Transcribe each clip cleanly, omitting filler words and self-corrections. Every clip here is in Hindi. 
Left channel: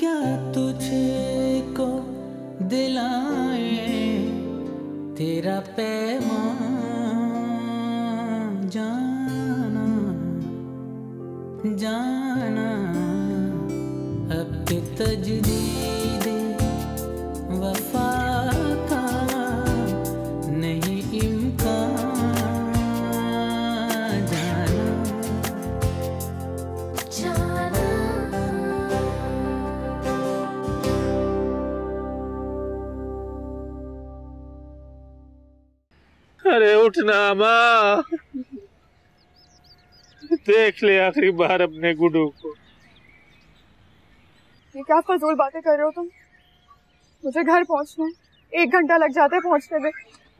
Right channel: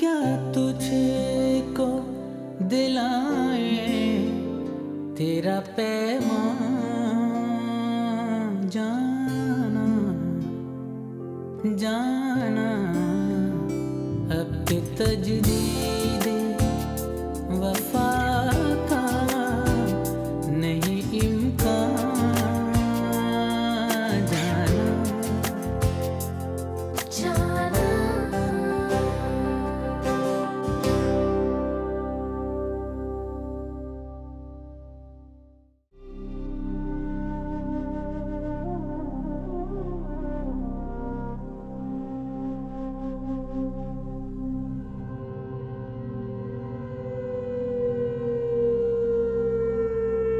क्या तुझको दिलाए तेरा पैगाम जाना जाना अब के तजदीद वफा का नहीं इम्कान जाना जाना। अरे उठना माँ, देख ले आखिरी बार अपने गुड्डू को। ये क्या फजूल बातें कर रहे हो तुम? मुझे घर पहुंचना है, 1 घंटा लग जाता है पहुंचने में।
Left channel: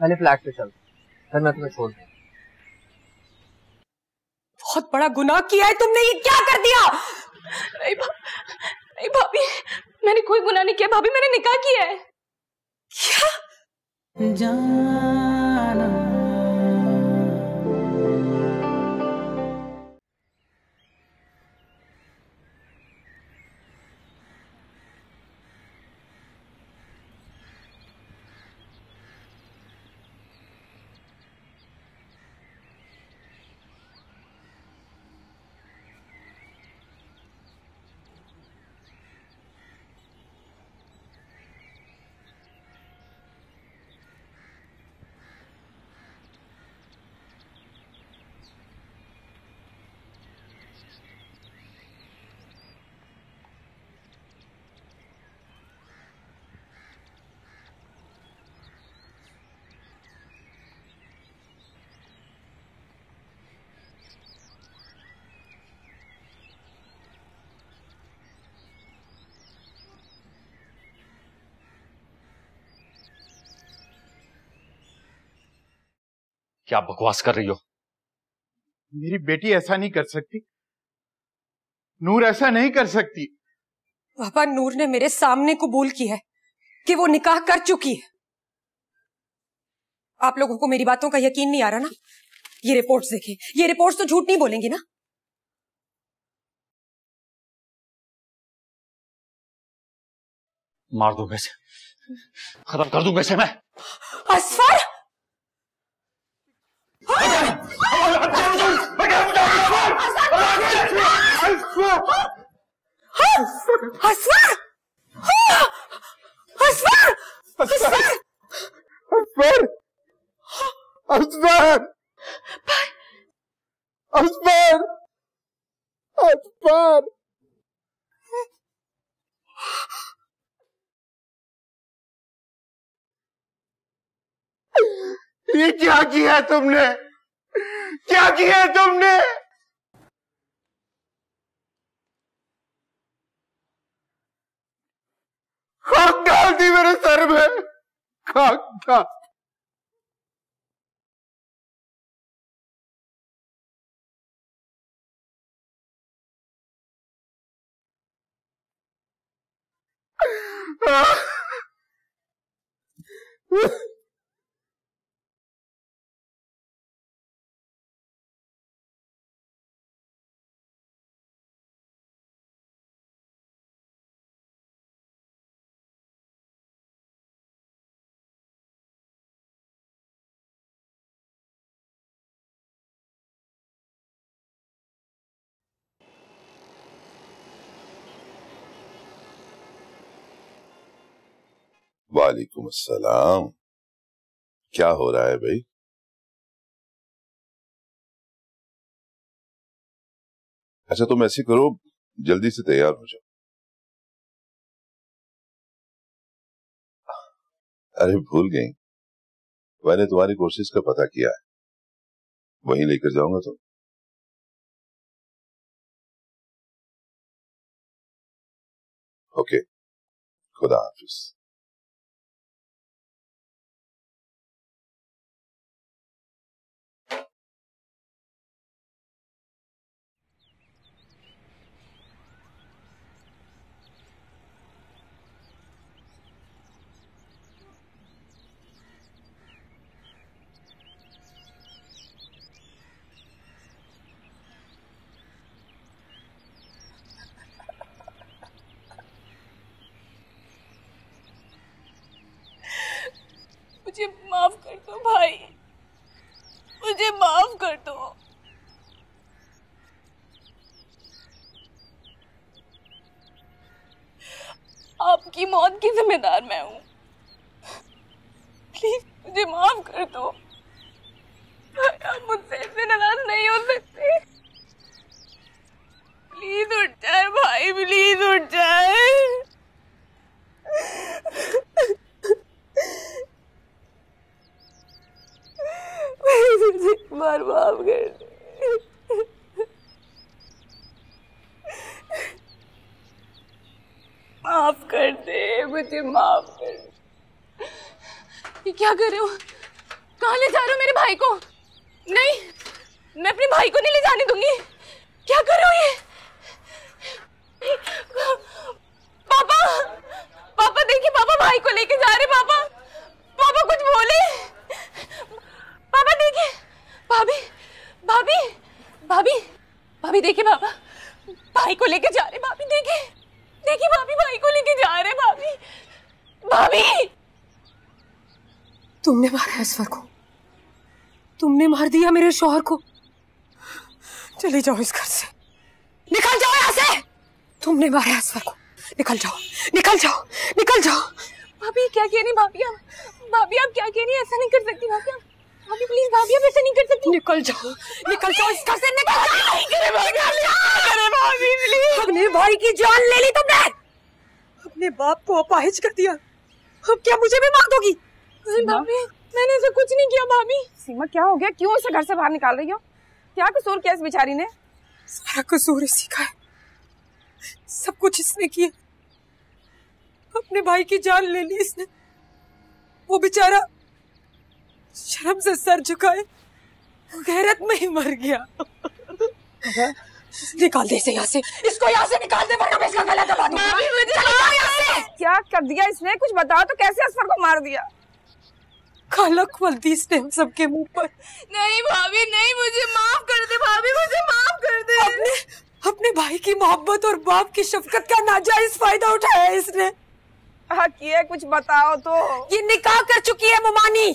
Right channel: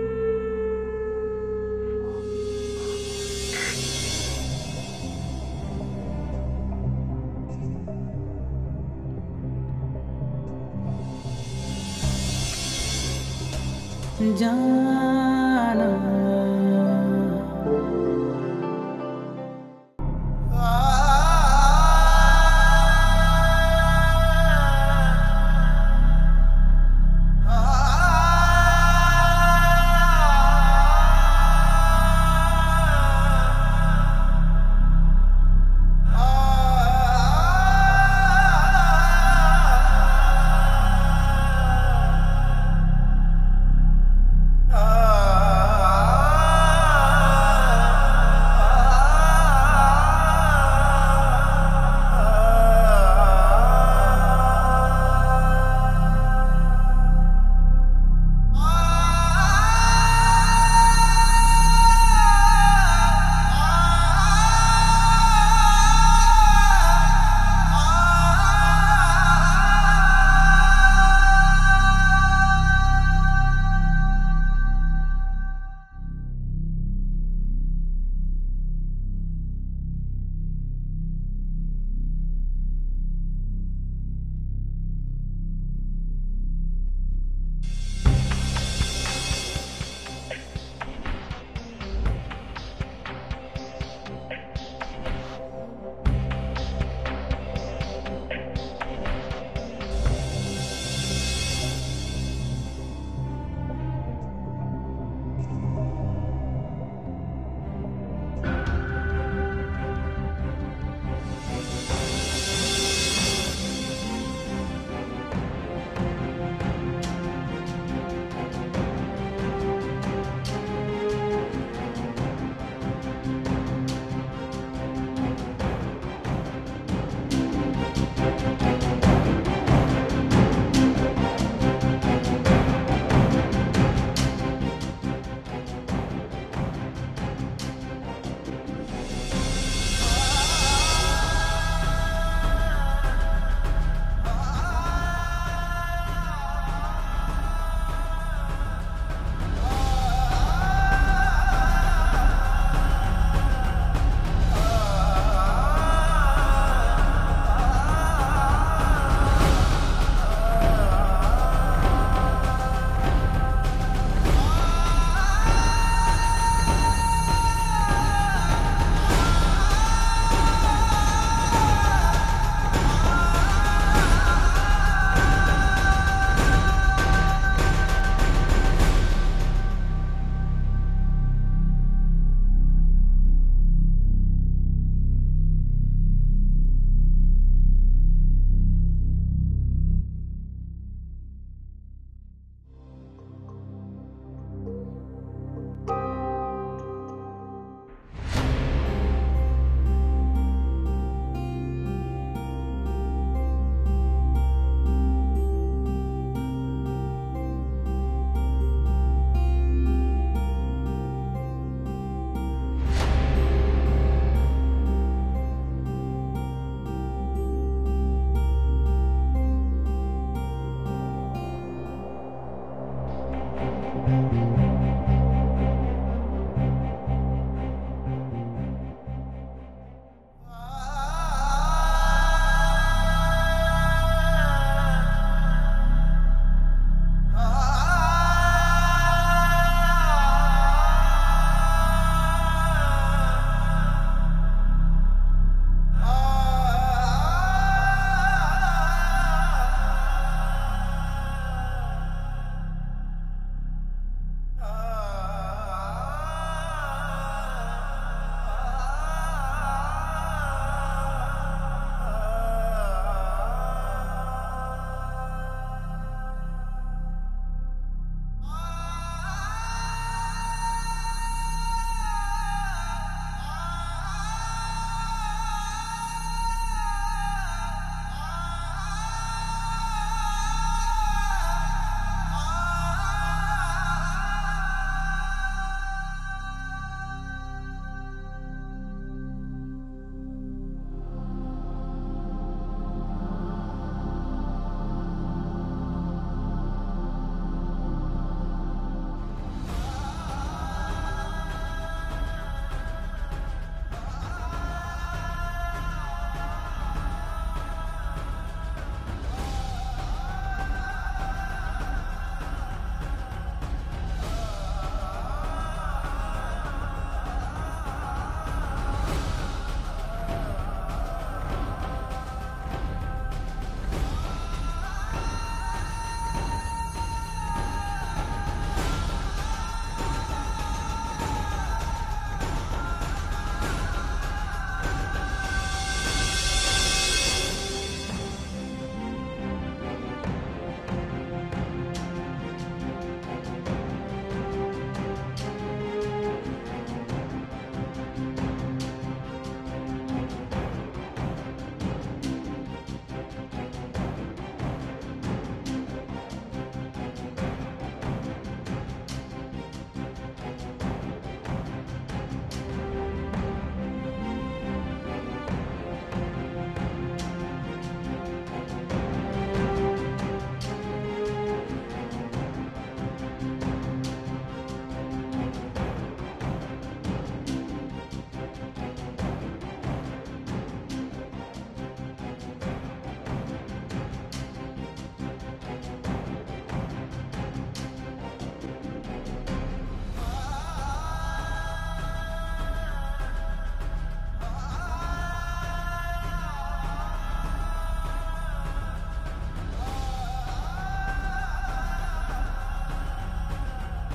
पहले फ्लैट पे चल, फिर मैं तुम्हें छोड़ दूँ। बहुत बड़ा गुनाह किया है तुमने, ये क्या कर दिया? नहीं भाभी, मैंने कोई गुनाह नहीं किया भाभी, मैंने निकाह किया है। क्या? जाना क्या बकवास कर रही हो? मेरी बेटी ऐसा नहीं कर सकती, नूर ऐसा नहीं कर सकती। पापा, नूर ने मेरे सामने कबूल किया है कि वो निकाह कर चुकी है। आप लोगों को मेरी बातों का यकीन नहीं आ रहा ना? ये रिपोर्ट्स देखिए, ये रिपोर्ट्स तो झूठ नहीं बोलेंगी ना? मार दूं पैसे, खत्म कर दूं पैसे मैं। असफर! ये क्या किया तुमने? क्या किया तुमने? खाक डाल दी मेरे सर में, खाक खाक। वालेकुम अस्सलाम। क्या हो रहा है भाई? अच्छा तुम ऐसे करो, जल्दी से तैयार हो जाओ। अरे भूल गई, मैंने तुम्हारी कोशिश का पता किया है, वहीं लेकर जाऊंगा तुम। ओके, खुदा हाफिज। मुझे माफ कर दो। आपकी मौत की जिम्मेदार मैं हूँ। प्लीज मुझे माफ कर दो। आप मुझसे ऐसे नाराज नहीं हो सकते। प्लीज उठ जाए भाई, प्लीज उठ जाए। मुझे बार माफ कर दो। माफ कर दे, मुझे माफ कर। ये क्या कर रहे हो? कहाँ ले जा रहे हो मेरे भाई को? नहीं, मैं अपने भाई को नहीं ले जाने दूंगी। क्या कर रहे हो ये? पापा, पापा देखिए, पापा भाई को लेके जा रहे। पापा, पापा कुछ बोले। पापा देखिए, भाभी, भाभी, भाभी, भाभी देखिए, पापा भाई को लेके जा रहे। भाभी देखिए, देखिए भाभी भाई को लेके जा रहे। भाभी, भाभी, तुमने मारा असफर को, तुमने मार दिया मेरे शौहर को। चले जाओ इस घर से, निकल जाओ यहाँ से। तुमने मारा असफर को, निकल जाओ, निकल जाओ, निकल जाओ। भाभी क्या कह रही? भाभी आप, भाभी आप क्या कह रही? ऐसा नहीं कर सकती भाभी। भाभी प्लीज, भाभी आप ऐसा नहीं कर सकती। निकल जाओ, निकल जाओ इस घर से, निकल जाओ। अरे भाभी प्लीज। अपने भाई की जान ले ली तुमने, अपने बाप को अपाहिज कर दिया। अब क्या मुझे भी मार दोगी? भाभी मैंने ऐसा कुछ नहीं किया। भाभी सीमा क्या हो गया? क्यों उसे घर से बाहर निकाल रही हो? क्या कसूर किया इस बेचारी ने? सारा कसूर इसी का है, सब कुछ इसने किया। अपने भाई की जान ले ली इसने। वो बेचारा शर्म से सर झुकाए गैरत में ही मर गया। निकाल दे इसे यहाँ से, इसको यहाँ से निकाल दे वरना मैं इसका गला दबा दूंगा। क्या कर दिया इसने? कुछ बताओ तो, कैसे असफर को मार दिया? काला खोलती इसने हम सबके मुंह पर। नहीं भाभी नहीं, मुझे माफ कर दे। भाभी मुझे माफ कर दे। अपने भाई की मोहब्बत और बाप की शफकत का नाजायज फायदा उठाया है इसने। हक ये, कुछ बताओ तो। ये निकाह कर चुकी है मुमानी,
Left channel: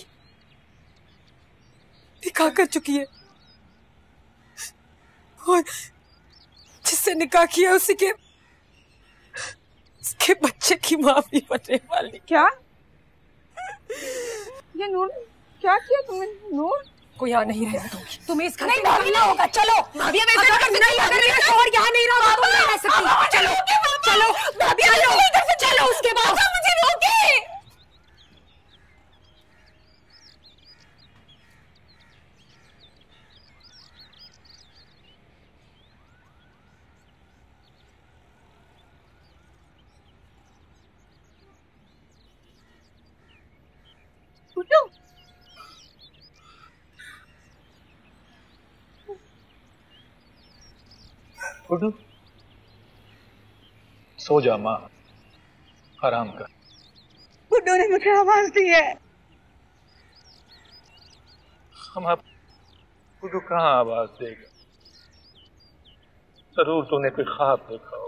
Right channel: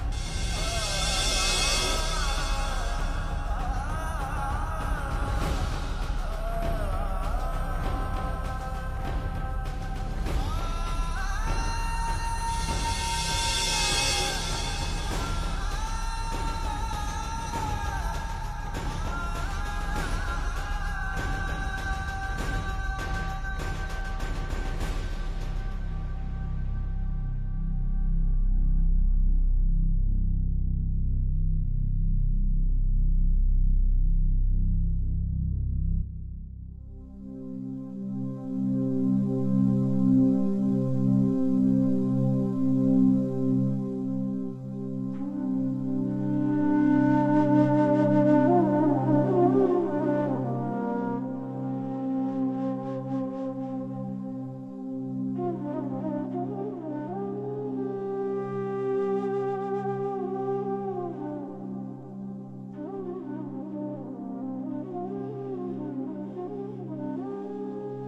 निकाह कर चुकी है। और जिससे निकाह किया उसके बच्चे की माँ भी बनने वाली। क्या? ये नूर, क्या किया तुमने? नूर वो यहाँ नहीं रहेगा, तुम्हें इस घर से भागना होगा। चलो भाभी, अगर मेरा शौहर यहाँ नहीं रहा तो मैं रह सकती। चलो चलो भाभी, चलो चलो, उसके बाद मुझे रोके। गुड्डू, सो जा माँ, आराम कर। गुड्डू ने मुझे आवाज दी है। हम अब गुड्डू कहाँ आवाज देगी? जरूर तूने कोई ख्वाब देखा हो।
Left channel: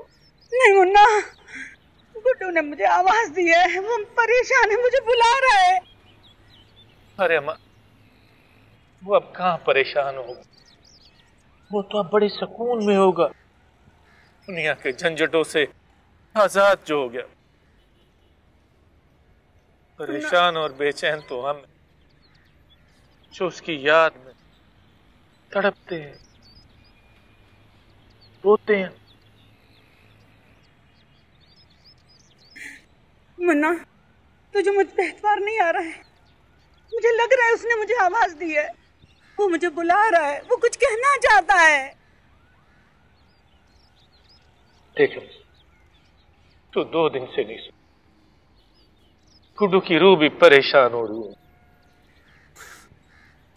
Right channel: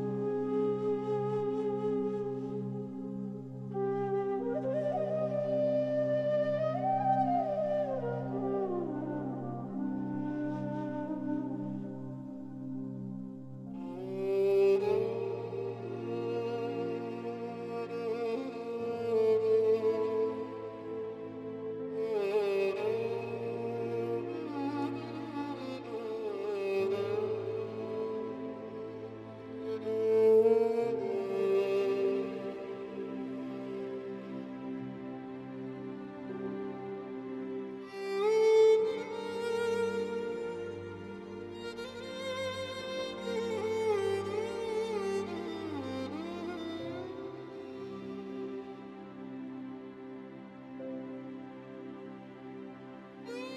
नहीं मुन्ना, गुड्डू ने मुझे आवाज दी है। वो परेशान है, मुझे बुला रहा है। अरे माँ, वो अब कहाँ परेशान हो? वो तो अब बड़े सुकून में होगा, दुनिया के झंझटों से आजाद जो हो गया। परेशान और बेचैन तो हम, जो उसकी याद में तड़पते हैं, रोते हैं। मुन्ना, तुझे मुझ पे एतबार नहीं आ रहा है? मुझे लग रहा है उसने मुझे आवाज दी है। वो मुझे बुला रहा है, वो कुछ कहना चाहता है। देख, तू 2 दिन से नहीं सो। गुड्डू की रूह भी परेशान हो रही है।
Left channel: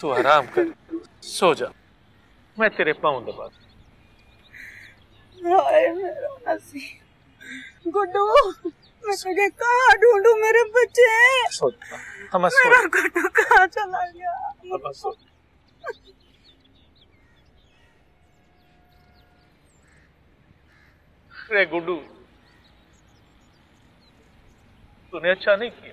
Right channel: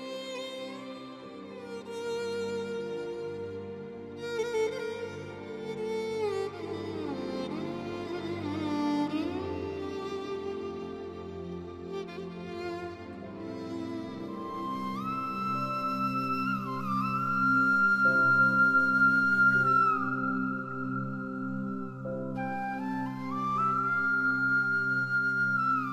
तू आराम कर, सो जा, मैं तेरे पाँव दबा दूं। हाय मेरा हंसी। गुड्डू, मैं तुझे कहाँ ढूंढूं? मेरे बच्चे, सो हम मेरा गुड्डू कहाँ चला गया? रे गुड्डू, तूने अच्छा नहीं किया।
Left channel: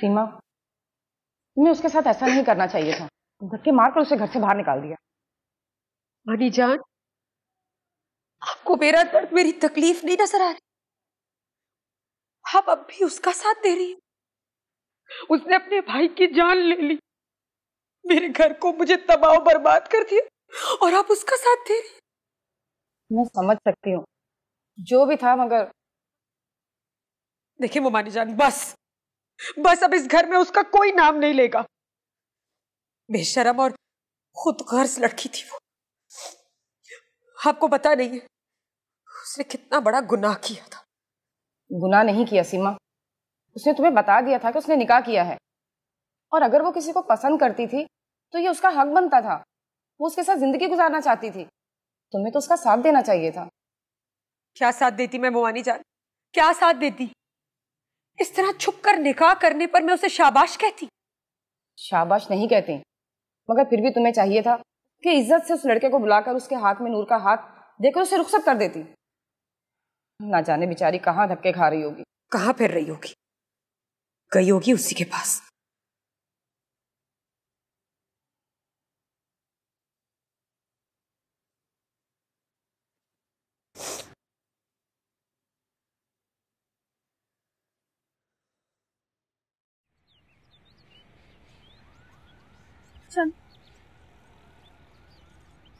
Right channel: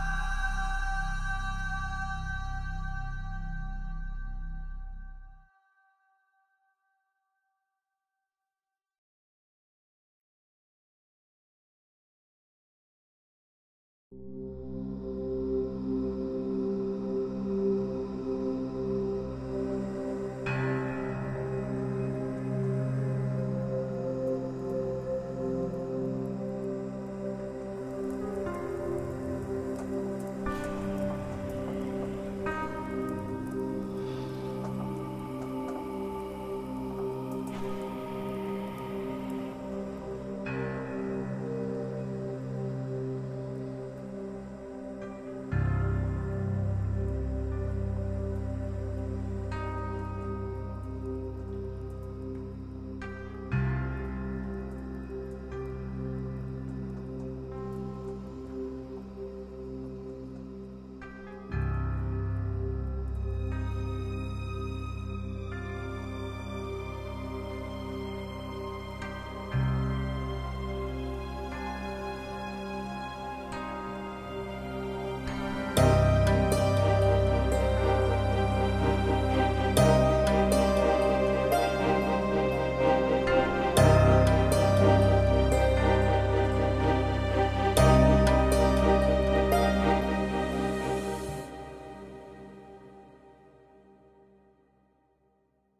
सीमा, तुम्हें उसके साथ ऐसा नहीं करना चाहिए था। धक्के मारकर उसे घर से बाहर निकाल दिया। मानी जान, आपको मेरा दर्द, मेरी तकलीफ नहीं नजर आ रही? आप अब भी उसका साथ दे रही हैं। उसने अपने भाई की जान ले ली, मेरे घर को, मुझे तबाह बर्बाद कर दिया, और आप उसका साथ दे रही हैं। मैं समझ सकती हूँ जो भी था, मगर देखिए मोमानी जान, बस अब इस घर में उसका कोई नाम नहीं लेगा। बेशरम और खुद गर्ज लड़की थी वो। आपको पता नहीं है उसने कितना बड़ा गुनाह किया था। गुनाह नहीं किया सीमा, उसने तुम्हें बता दिया था कि उसने निकाह किया है, और अगर वो किसी को पसंद करती थी तो ये उसका हक बनता था। वो उसके साथ जिंदगी गुजारना चाहती थी, तुम्हें तो उसका साथ देना चाहिए था। क्या साथ देती मैं मोमानी जान, क्या साथ देती? इस तरह छुप कर निकाह करने पर मैं उसे शाबाश कहती? शाबाश नहीं कहती, मगर फिर भी तुम्हें चाहिए था कि इज्जत से उस लड़के को बुलाकर उसके हाथ में नूर का हाथ देकर उसे रुखसत कर देती। ना जाने बेचारी कहाँ धक्के खा रही होगी, कहाँ फिर रही होगी, गई होगी उसी के पास।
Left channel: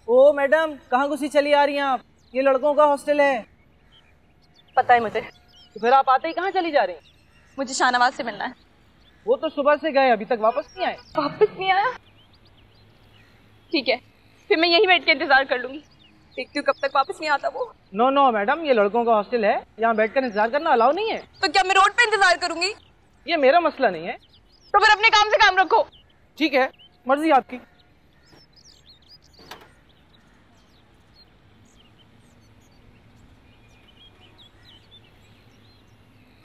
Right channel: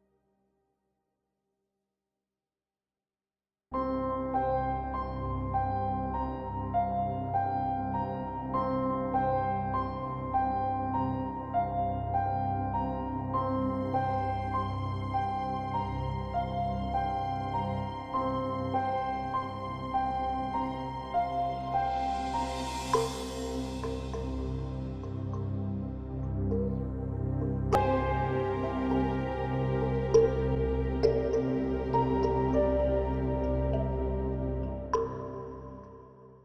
ओ मैडम, कहाँ घुसी चली आ रही हैं आप? ये लड़कों का हॉस्टल है। पता है मुझे। तो फिर आप आते ही कहाँ चली जा रही हैं? मुझे शाहनवाज से मिलना है। वो तो सुबह से गए, अभी तक वापस नहीं आए। वापस नहीं आया? ठीक है, फिर मैं यही बैठ के इंतजार कर लूंगी, देखती हूँ कब तक वापस नहीं आता वो। नो मैडम, ये लड़कों का हॉस्टल है, यहाँ बैठकर इंतजार करना अलाउ नहीं है। तो क्या मैं रोड पे इंतजार करूंगी? ये मेरा मसला नहीं है। तो फिर अपने काम से काम रखो। ठीक है, मर्जी आपकी।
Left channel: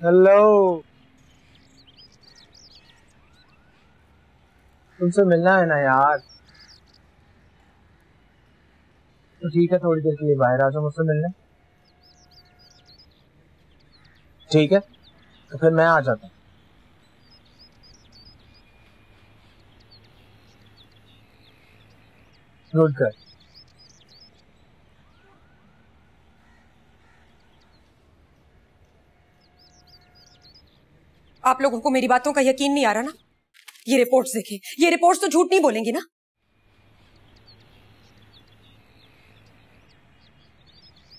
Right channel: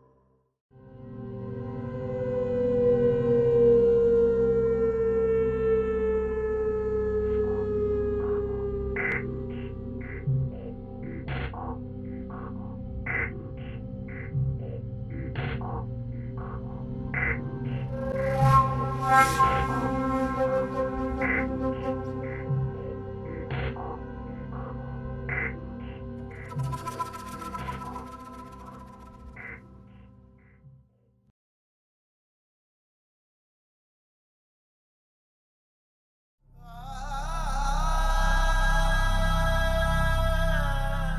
हेलो, तुमसे मिलना है ना यार? तो ठीक है, थोड़ी देर के लिए बाहर आ जाओ मुझसे मिलने। ठीक है, तो फिर मैं आ जाता हूँ। Good girl. आप लोगों को मेरी बातों का यकीन नहीं आ रहा ना? ये रिपोर्ट्स देखें, ये रिपोर्ट्स तो झूठ नहीं बोलेंगी ना?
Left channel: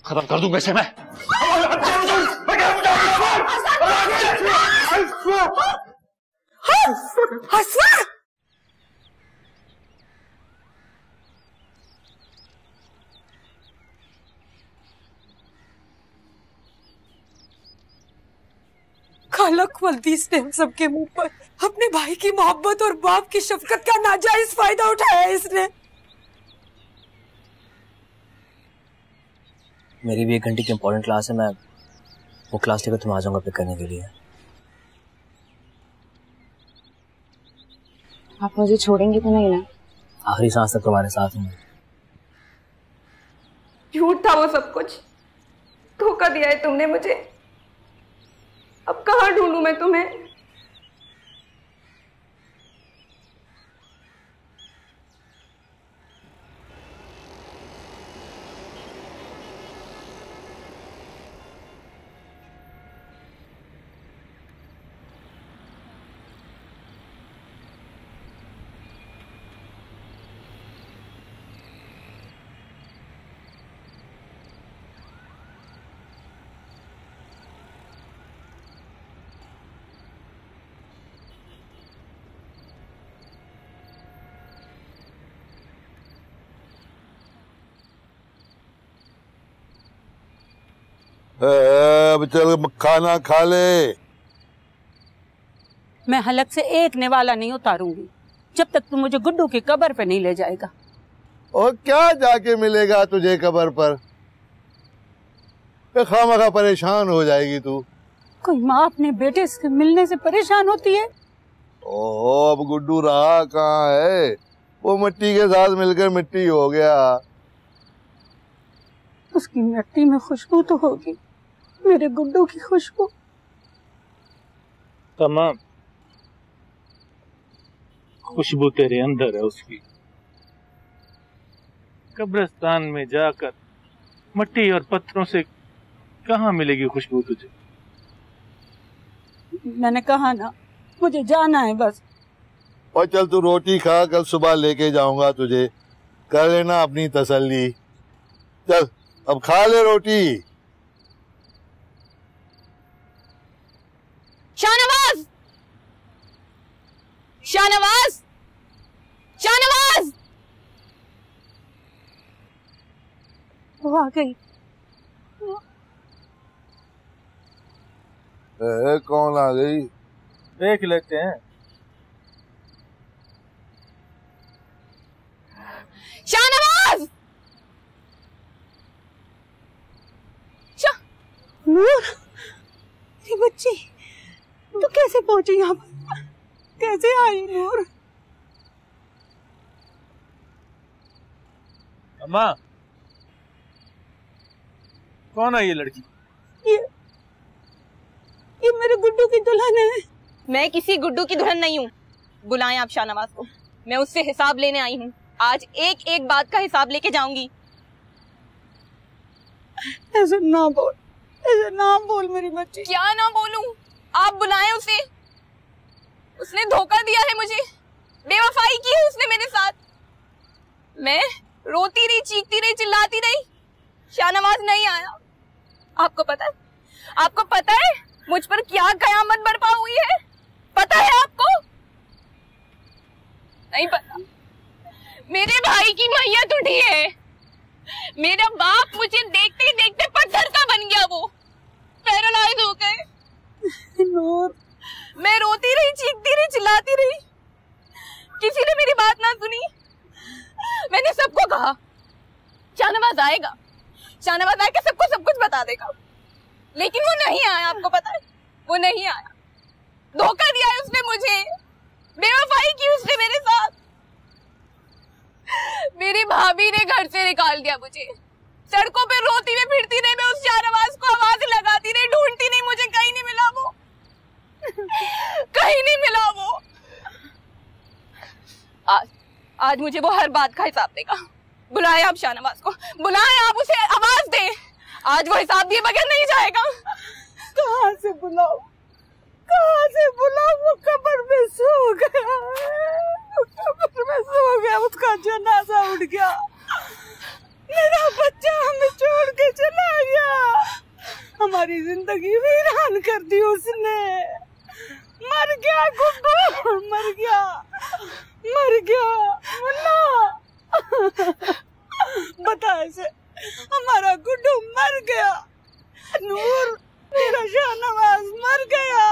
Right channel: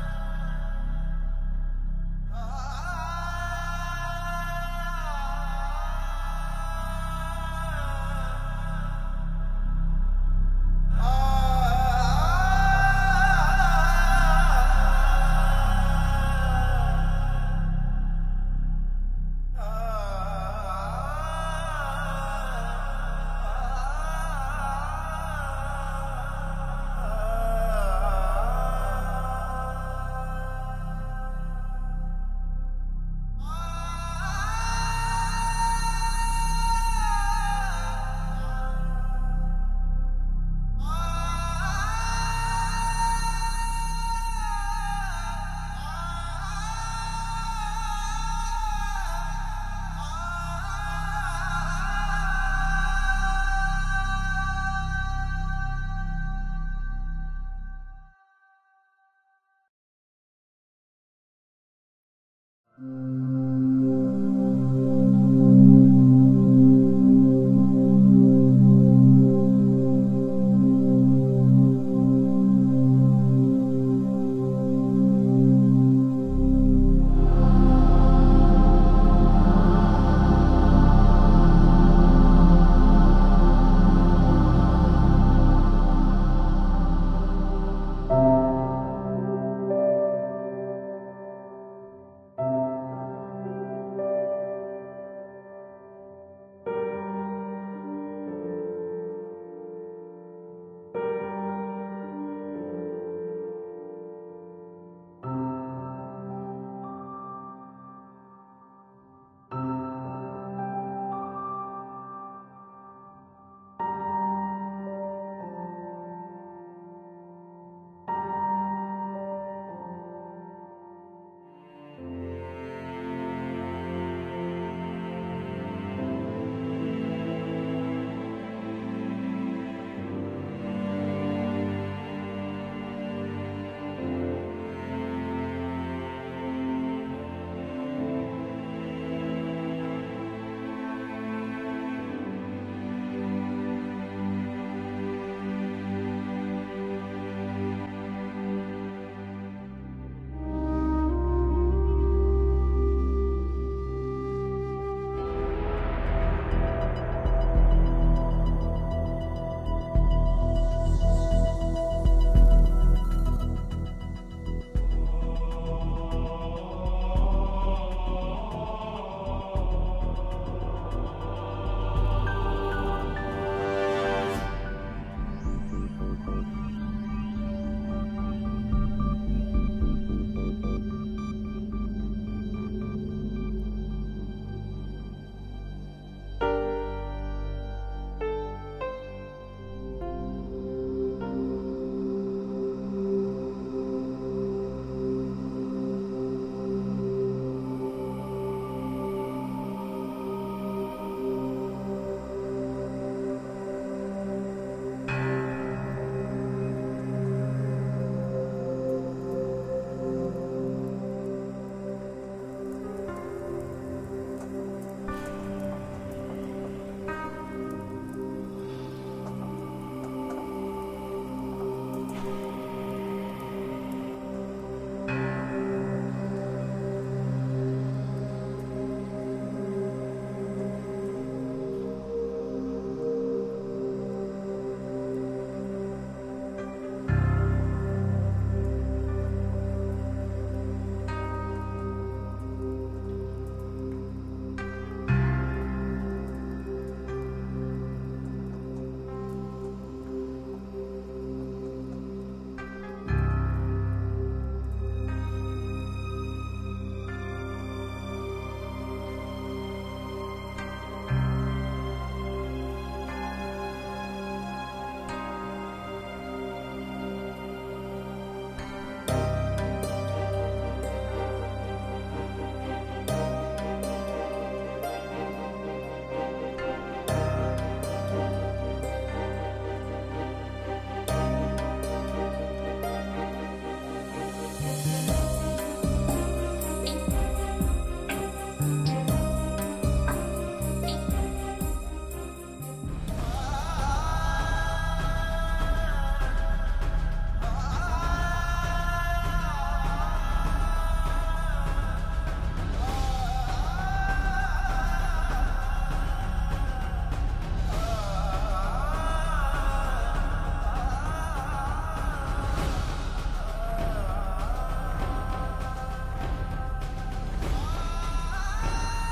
खत्म कर दूंगा इसे मैं। खालक वल्दीस ने हम सबके मुंह पर अपने भाई की मोहब्बत और बाप की शफकत का नाजायज फायदा उठाया है इसने। मेरी भी 1 घंटे की इंपॉर्टेंट क्लास है, मैं वो क्लास लेकर तुम आ जाऊंगा पिक करने के लिए। आप मुझे छोड़ेंगे तो नहीं ना? आखिरी सांस तक तुम्हारे साथ हूँ। झूठ था वो सब कुछ, धोखा दिया है तुमने मुझे। अब कहाँ ढूंढूं मैं तुम्हें? अब चल खाना खा ले। मैं हलक से एक निवाला नहीं उतारूंगी जब तक तू मुझे गुड्डू की कब्र पे नहीं ले जाएगा। और क्या जाके मिलेगा तुझे कब्र पर? खामखा परेशान हो जाएगी तू। कोई माँ अपने बेटे से मिलने से परेशान होती है? ओहो, अब गुड्डू रहा कहाँ है? वो मिट्टी के साथ मिलकर मिट्टी हो गया। उसकी मिट्टी में खुशबू तो होगी, मेरे गुड्डू की खुशबू। तमाम खुशबू तेरे अंदर है उसकी। कब्रिस्तान में जाकर मिट्टी और पत्थरों से कहाँ मिलेगी खुशबू तुझे? मैंने कहा ना, मुझे जाना है बस। और चल तू रोटी खा, कल सुबह लेके जाऊंगा तुझे, कर लेना अपनी तसल्ली। चल अब खा ले रोटी। शाहनवाज! शाहनवाज! शाहनवाज! वो आ गई। कौन आ गई? देख लेते हैं। शाहनवाज! नूर, ये बच्ची तो कैसे पहुंची यहाँ पर? कैसे आई नूर? अम्मा, कौन है ये लड़की? ये मेरे गुड्डू की दुल्हन है। मैं किसी गुड्डू की दुल्हन नहीं हूँ। बुलाएं आप शाहनवाज को, मैं उससे हिसाब लेने आई हूँ। आज एक एक बात का हिसाब लेके जाऊंगी। ऐसे ना बोल, ऐसे ना बोल मेरी बच्ची। क्या ना बोलूं? आप बुलाएं उसे। उसने धोखा दिया है मुझे, बेवफाई की है उसने मेरे साथ। मैं रोती रही, चीखती रही, चिल्लाती रही, शाहनवाज नहीं आया। आपको पता है? आपको पता है मुझ पर क्या कयामत बर्पा हुई है? पता है आपको? नहीं पता। मेरे भाई की मैयत उठी है। मेरा बाप मुझे देखते ही देखते पत्थर का बन गया, वो पैरालाइज हो गए। मैं रोती रही, चीखती रही, चिल्लाती रही, किसी ने मेरी बात ना सुनी। मैंने सबको कहा शाहनवाज आएगा, शाहनवाज आके सबको सब कुछ बता देगा, लेकिन वो नहीं आया। आपको पता है वो नहीं आया। धोखा दिया है उसने मुझे, बेवफाई की उसने मेरे साथ। मेरी भाभी ने घर से निकाल दिया मुझे। सड़कों पे रोती हुई फिरती रही मैं, उस शाहनवाज को आवाज लगाती रही, ढूंढती नहीं, मुझे कहीं नहीं मिला वो, कहीं नहीं मिला वो। आज मुझे वो हर बात का हिसाब देगा। बुलाए आप शाहनवाज को, बुलाए आप उसे, आवाज दे। आज वो हिसाब दिए बगैर नहीं जाएगा। कहाँ से बुलाओ, कहाँ से बुलाओ? वो कब्र में सो गया, कब्र में सो गया, उसका जनाजा उठ गया। मेरा बच्चा हमें छोड़ के चला गया, हमारी जिंदगी वीरान कर दी उसने। मर गया गुड्डू, मर गया, मर गया। मुन्ना बता ऐसे, हमारा गुड्डू मर गया। नूर, मेरा शाहनवाज मर गया।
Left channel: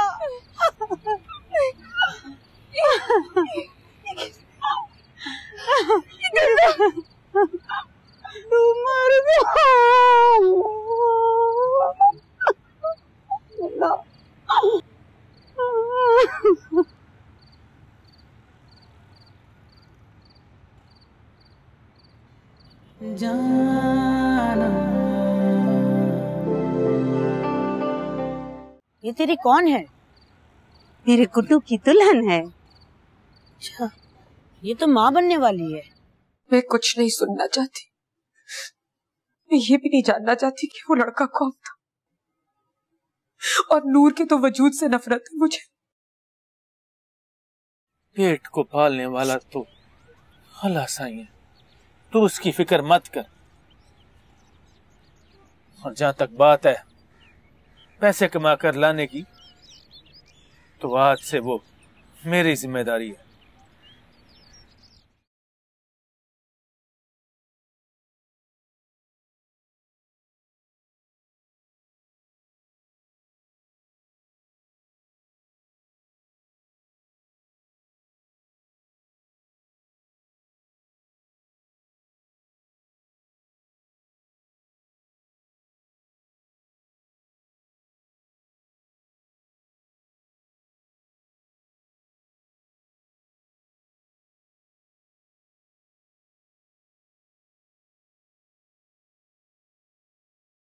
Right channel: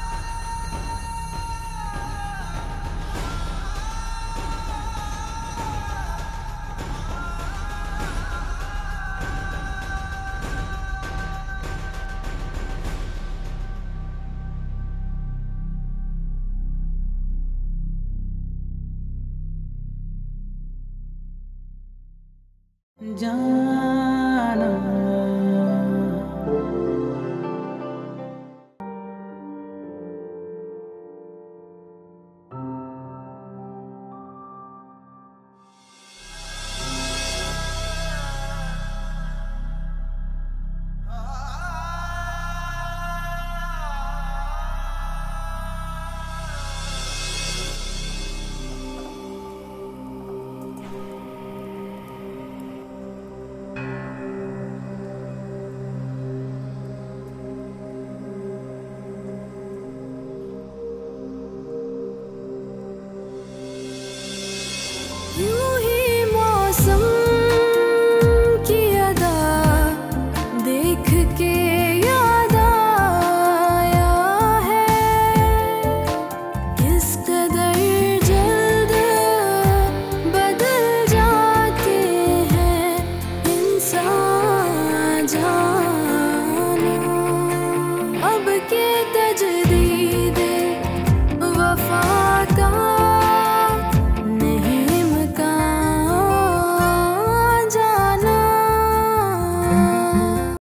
तू मर गया। जाना ये तेरी कौन है? मेरे गुड्डू की दुल्हन है। अच्छा, ये तो माँ बनने वाली है। मैं कुछ नहीं सुनना चाहती, मैं ये भी नहीं जानना चाहती कि वो लड़का कौन था। और नूर के तो वजूद से नफरत है मुझे। पेट को पालने वाला तो अल्लाह साईं, तू उसकी फिक्र मत कर। और जहां तक बात है पैसे कमा कर लाने की, तो आज से वो मेरी जिम्मेदारी है। यूं ही मौसम की अदा देख के याद आया है, किस कदर जल्द बदल जाते हैं इंसान।